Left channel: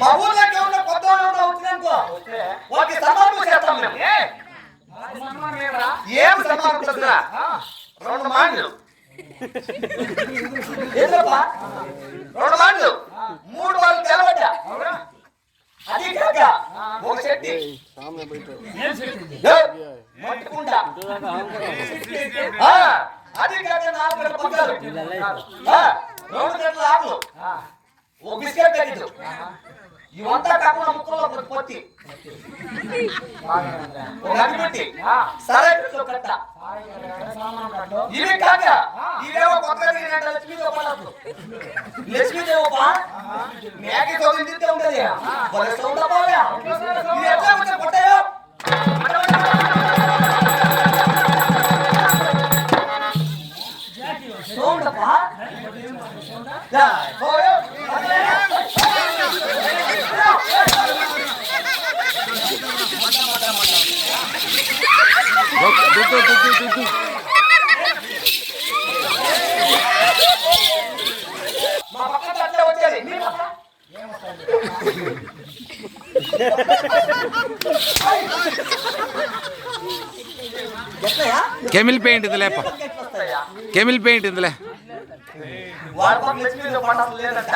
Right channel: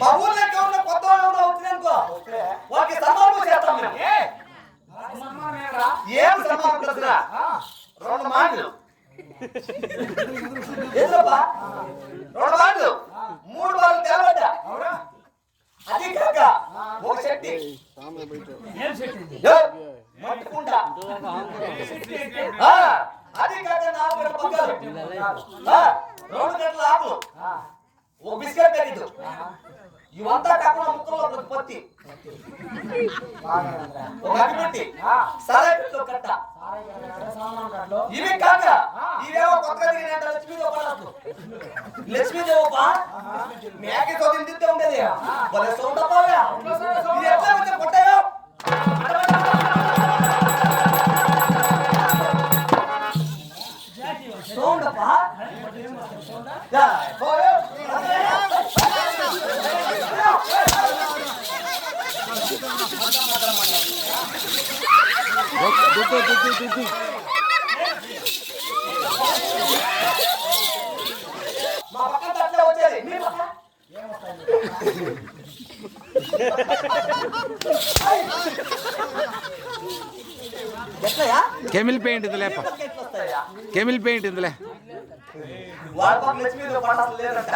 మా ఊర్లో ఉన్న కొత్త వాళ్ళు వచ్చిందనుకో వాళ్ళకి సన్మానం చేస్తాం మేము. ఏం సన్మానం తెలుసురా? 2 మాటలు ఏంటప్పా? 2 మాటలు 3 వాళ్ళు తెలవడ్డా. అది కాక ఒక చెట్టి మట్టుకుంటా, అది కాక 4 గంటల పక్కలు, 2 గంటల ఆకులు, ఒక బిస్కెట్ ప్యాకెట్, ఇవంతా కాకుండా ముక్కల్లో పత్తి, ఒక అగ్గిపెట్టి, సరైన కట్ట, ఇవి కాక ఇవేమో కొత్తగా లక్ష్మీదేవి పడదు. లక్ష్మీదేవి మేక కొద్ది తింటే ఉండదు. వాళ్ళ సౌండ్ అవ్వాలి. ఇది ఎట్లా వచ్చే కొట్టాయో సౌండ్ అప్ప మా పక్కన అట్లా వచ్చేది. కెమిల్ పెయింట్ ఇందులే, కెమిల్ పెయింట్ ఇందులే. వాళ్ళ పక్కన లక్ష్మీదేవి పట్టాలు లేదంట.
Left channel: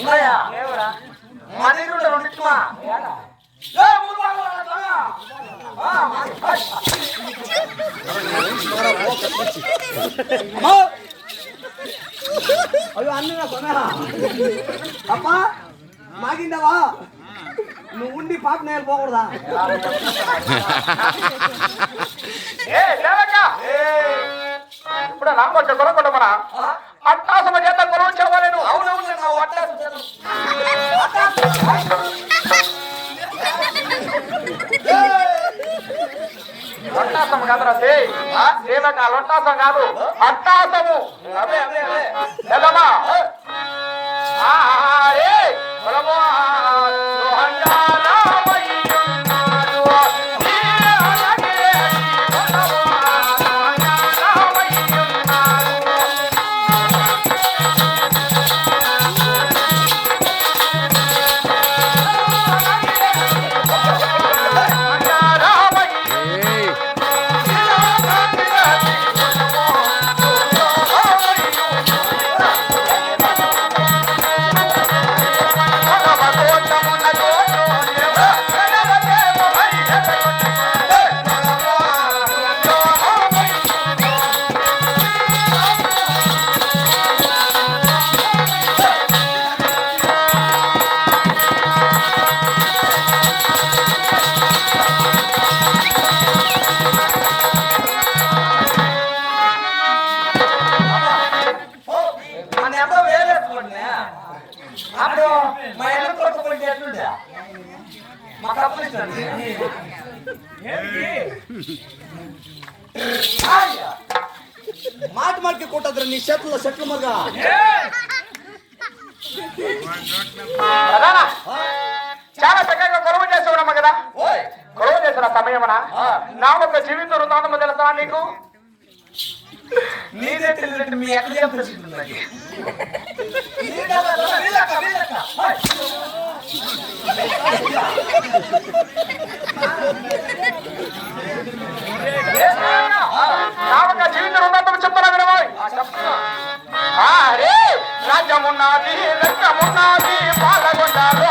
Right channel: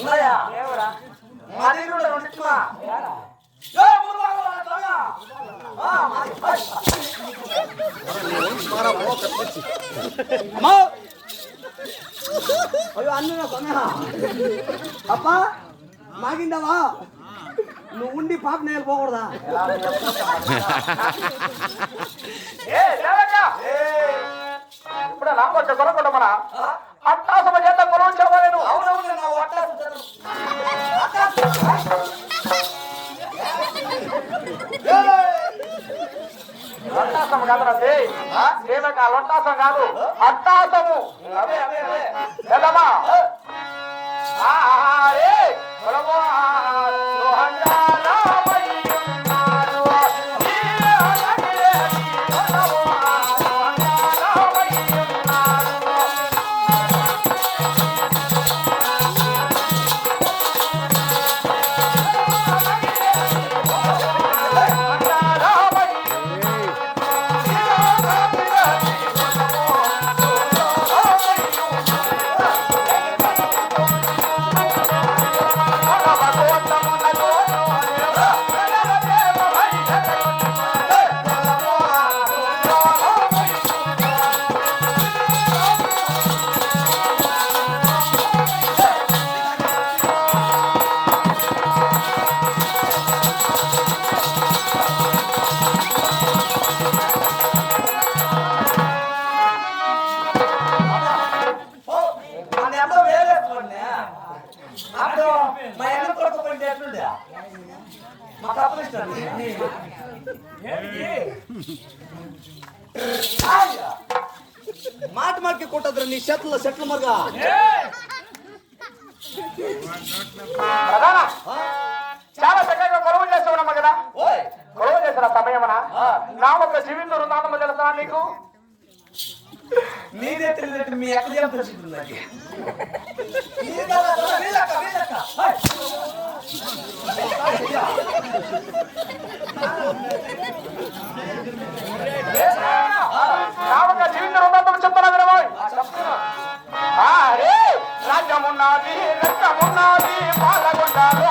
ఉన్నాయా? మా దగ్గర ఉండే అమ్మా మాగిందావా? నువ్వు ఉండి పాప నేను పోకూడదా? ఇప్పుడు నాకొట్టు కొనుక్కుంటామరా అట్టాసమ చేత కొనుగోలు చెప్పలేను. అవునవును లొట్టాసం కాదురా సేవక, లొట్టాసం కాదు అట్టాసము. ఎల్లమ్మా అప్పుడు మా ఎన్న కొట్టుకుంటే ఎట్లుండే మా కప్పులు ఇస్తాను. మాట మాటకి కొట్టద్ర నీ చెట్లు మరుగా. చాలా చక్కగా కొలువు చేస్తున్నామా కదా. కొలువు చేసిన సమయమనా నా ఒక జీవితం వృందావనం తెలుసా నీకు? నీదే తెలియదు మీ ఎక్కడ తెలుస్తుంది. నా జీవితం వృందావనం చెప్తున్నా వినబోయ్. రాజ్యమున్నది రక్తమున్నది పాలగొండాలో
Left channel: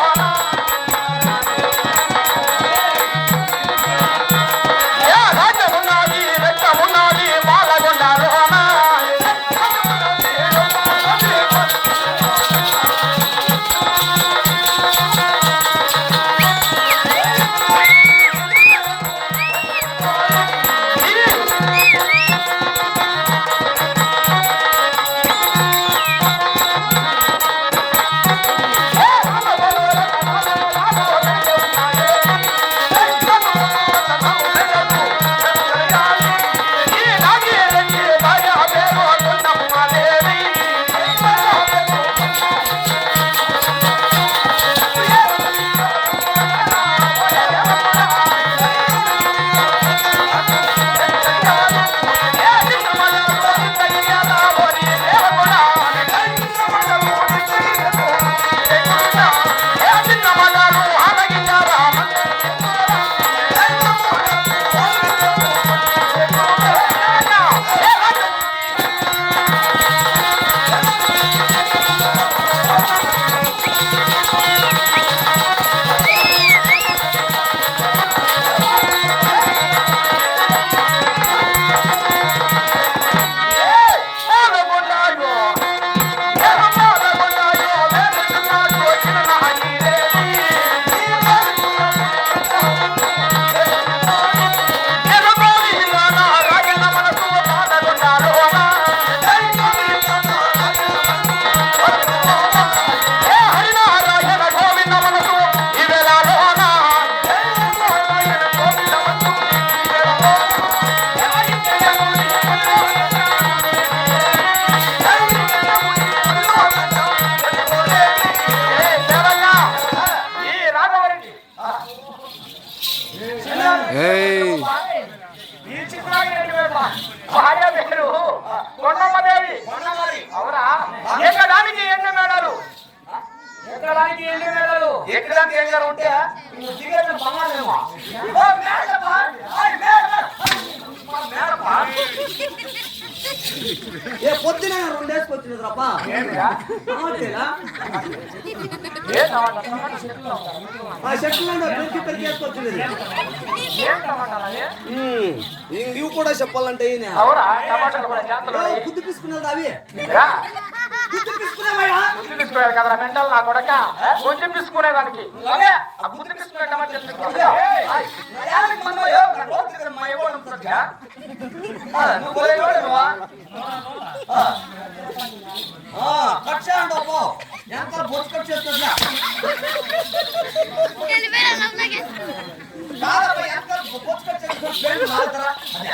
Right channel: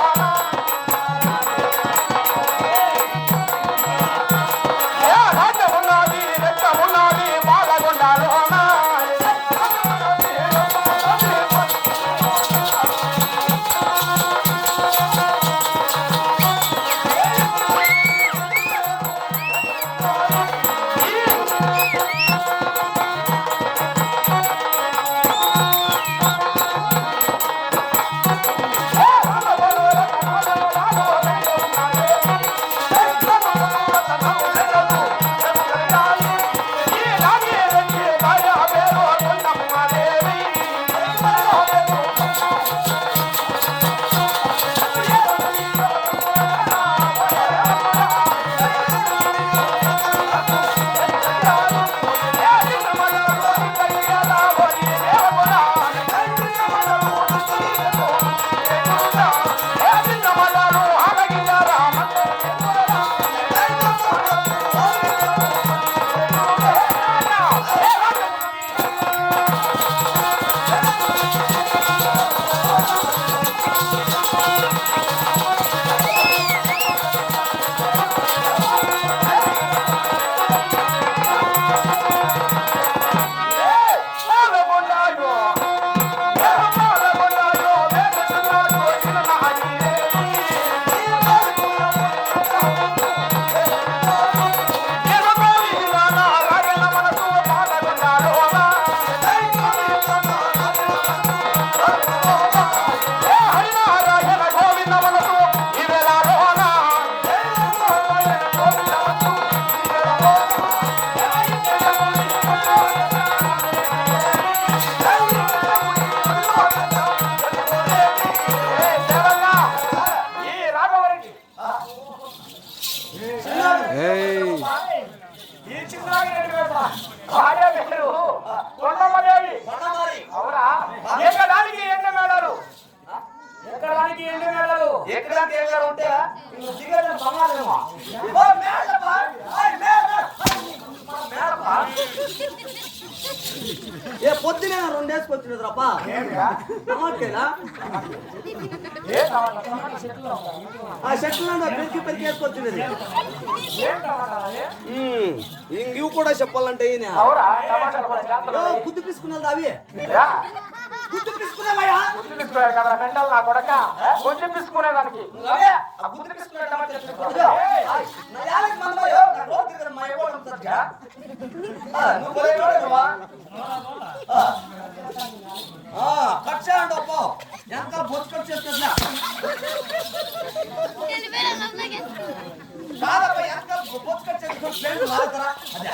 ఎక్కడానికి ఎన్ని మేడలు ఎక్కడానికి ఏం గారు ఉంటే నువ్వు దిగేసిన బంగారమేమో. ఓ మేడపా, ఓయ్ మేడపా. ఏ పొద్దునే రెండేసుకొచ్చినది రాపా ఆ చెట్లు పెరికి వేసుకొచ్చినది ఇవి కూడా చెప్పాలంటే అవునా టమాటాలు కూడా చేస్తున్నాయి గుద్దు తీసుకున్నది అవి రా. గుద్దు తీసుకునేవయ్యా గుర్తు తీసుకున్నాడు కదా మెంటల్ నా కొడక కొంచెం తీసుకునేదానికి అదే ఆ గుర్తు తీసుకునే టమాటా తీసుకో. ఏయ్, నా యాలకి మనమో యో, నా రోడ్ దగ్గర మా ఎవరు ఉంటారుగా? నువ్వు పోయి రోడ్డువా? కట్ చేయండి అప్పో ఎంత బొచ్చు కట్ చేస్తున్నా కాదప్పా, ఎంత బొచ్చు కట్ చేస్తున్నా? ఫ్రెండ్ మారుతారా? అదే.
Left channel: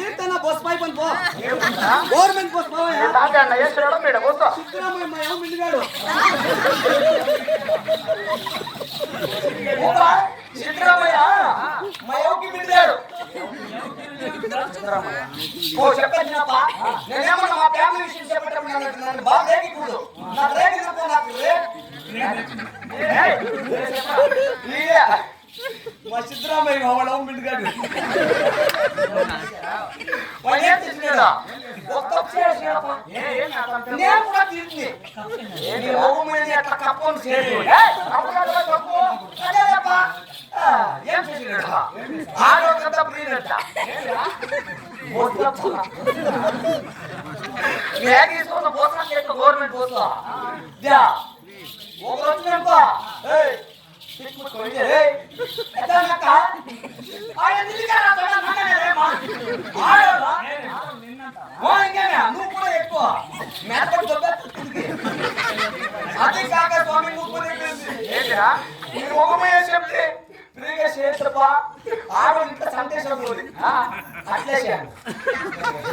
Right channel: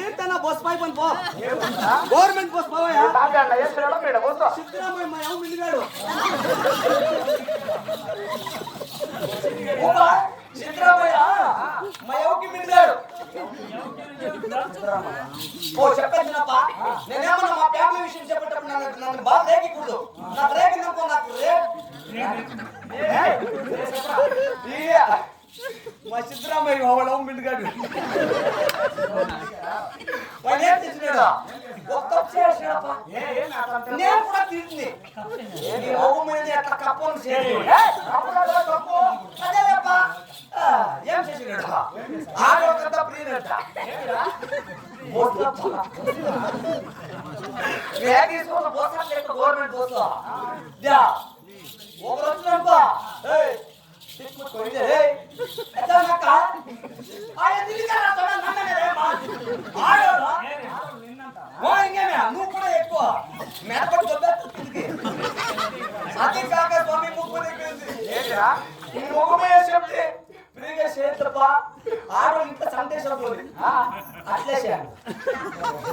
ఏంటన్నా బస్ పై పని పో గవర్నమెంట్ బస్ పోవయ్యా సిద్ధరామయ్య మా ఏమో మిల్లిగాడు ఊరా, సిద్ధరామయ్య మా ఎవరికి పిలిచాడు. ఓ చెప్పేసినప్ప, నేనేమన్నా మా ఫ్యామిలీ విషయం చెప్పేటప్పుడు నన్ను బాగా రేగకూడదు. నాకు రేగినప్పుడు నాకు మా సిద్ధరామయ్య వాడు ఏమో మిల్లిగాడు వాడు ఏం తెచ్చినాడు? ఒక్క చేసినప్ప, నేను కూడా తీసింది నీ మొహం మీద అట్లా కప్పని చేయదు. అదేలేప్పా, ఏం చేసినాడు? ఆడొకంతా ప్రియుడంట. తీసుకున్న పోసాలు లేదు గవర్నమెంట్ పోస్తా ఒకరు వచ్చినప్పా నువ్వు కూడా ఎక్కువ మేపడి అదే కాక స్వామి ముగ్గు చెప్తే ఫ్రీగా చేస్తప్పా ఆడో ఇంత సందేశం పోయి అట్లే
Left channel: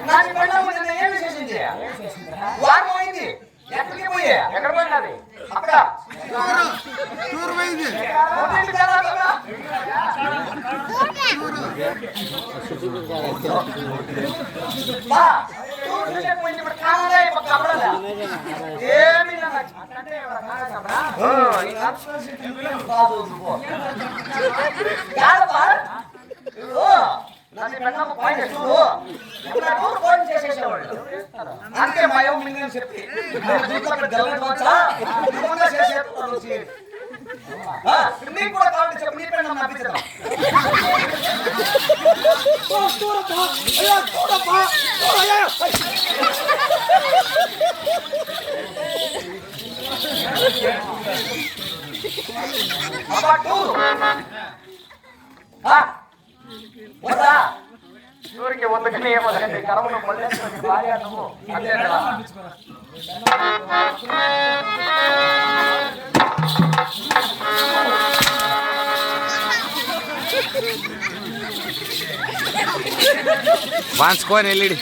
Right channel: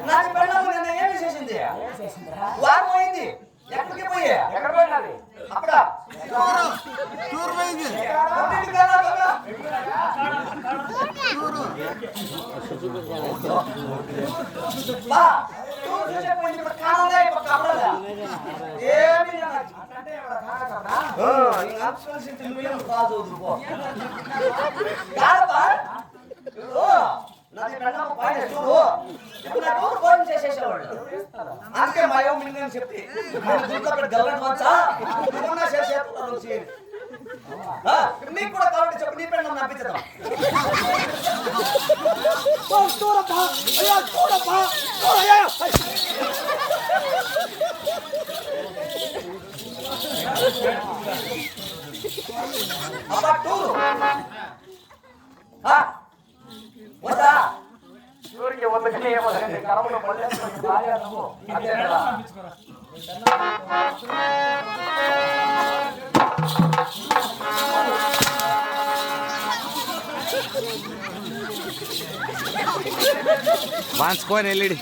నాకు వెళ్ళాము నిన్న ఏమి చేసింది వారం అయింది ఎక్కడికి పోయి ఎక్కడ పోయినది అక్కడ చేసేసేవాళ్ళు అందుకే మా ఏమో మింగని చెప్పి నీకు కూడా కావాలంటే చెప్పు నీ పెళ్ళి నప్పించడం వద్దా ఊరికి వద్దకనే ఏమొద్దండి కరమును భార్య నువ్వు అదే కదా వాంచుకొని వెళ్ళిడి